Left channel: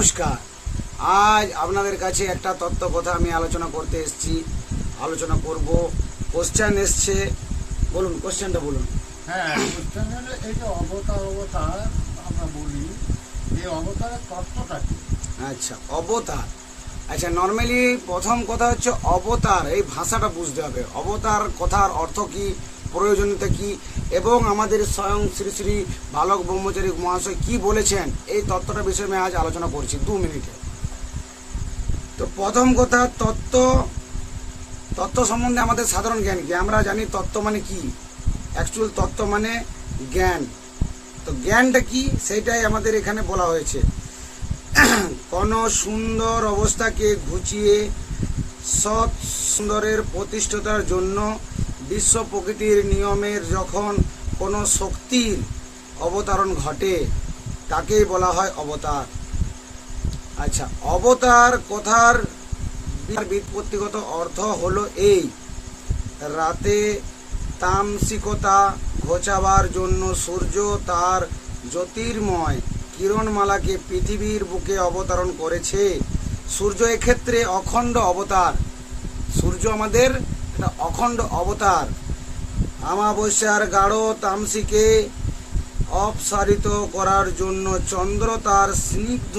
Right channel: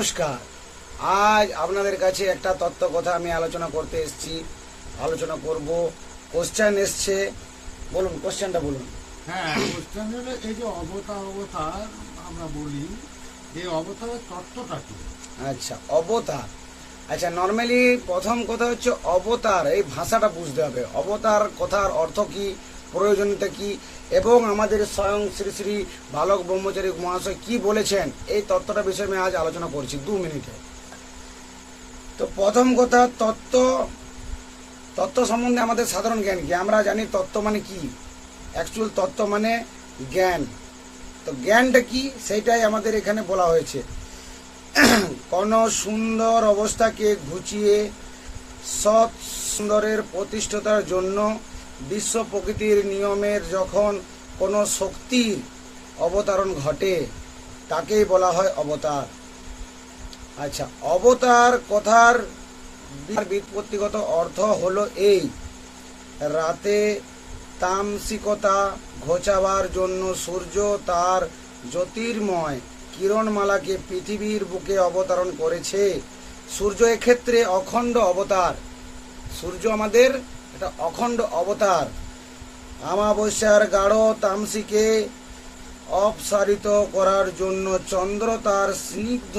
নমস্কার। আজ আপনাদের কাছে একটা তত্ত্ব কথা আমি আলোচনা করতে এসেছি, আলোচনা করব। কোশ্চেন এসছে, বলুন কোশ্চেনটা বলুন। হ্যাঁ, কোশ্চেন হলো এই যে অবতার আমরা বলি, এই অবতারের তত্ত্বটা কি? আচ্ছা, অবতার। আচ্ছা, নর্মালি প্রথম কথা হচ্ছে অবতার, এই ভাষাটা বুঝতে হবে। অবতার কথার অর্থ কি, প্রয়োজনীয়তা কি, এবং আমাদের স্বয়ং শ্রী শ্রী বালক ব্রহ্মচারী মহাশয় কি বলেছেন, এই তত্ত্বটা বিষয়ে আমি আজ আলোচনা করছি 2 মিনিটে। তো প্রথম কথা, তত্ত্ব সম্বন্ধে আমাদের সাধারণ জ্ঞান কি? আমরা জানি তত্ত্ব মানে কি, অ্যাকচুয়াল তত্ত্ব মানে জ্ঞান। তো জ্ঞানটা কি সেইটাই আমাদের এখানে বলা হয়েছে। কোন সুন্দর অবস্থাকে ঘুচিয়ে সৎ সুন্দরের প্রতিষ্ঠাতার জন্য বিশ্ব প্রকৃতির নিয়মের যখন কোনো শক্তির অবতারণ ঘটে, তাকেই বলা হয় অবতার। আচ্ছা, অবতার কথার ব্যুৎপত্তিগত অর্থ হলো এই: রাতে তামসিকতা ঘোচাবার জন্য সূর্য তার জ্যোতির্ময় কিরণমালাকে পৃথিবীর বুকে অবতরণ করেছে। সূর্য এক্ষেত্রে অখণ্ড অবতার। সূর্য আমাদের একটা অখণ্ড অবতার। আমাবস্যার গাঢ় তামসিকে অপসারিত করার জন্য চন্দ্র তার স্নিগ্ধ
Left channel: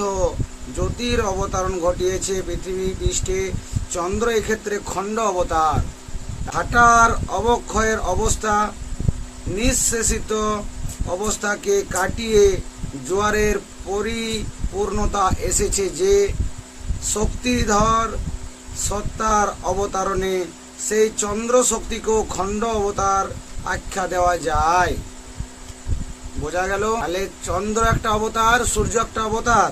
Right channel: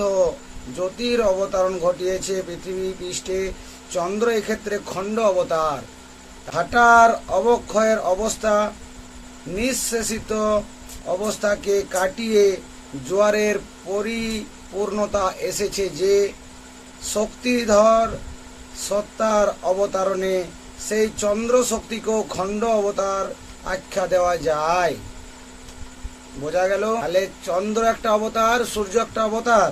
জ্যোতির অবতরণ ঘটিয়েছে পৃথিবী পৃষ্ঠে। চন্দ্র এক্ষেত্রে খণ্ড অবতার। ঘাটার অবক্ষয়ের অবস্থা, নিঃশেষিত অবস্থাকে কাটিয়ে জোয়ারের পরিপূর্ণতা এসেছে যে শক্তিধর সত্তার অবতারণে, সেই চন্দ্র শক্তিকেও খণ্ড অবতার আখ্যা দেওয়া যায়। বোঝা গেল? তাহলে চন্দ্র একটা অবতার, সূর্য একটা অবতার।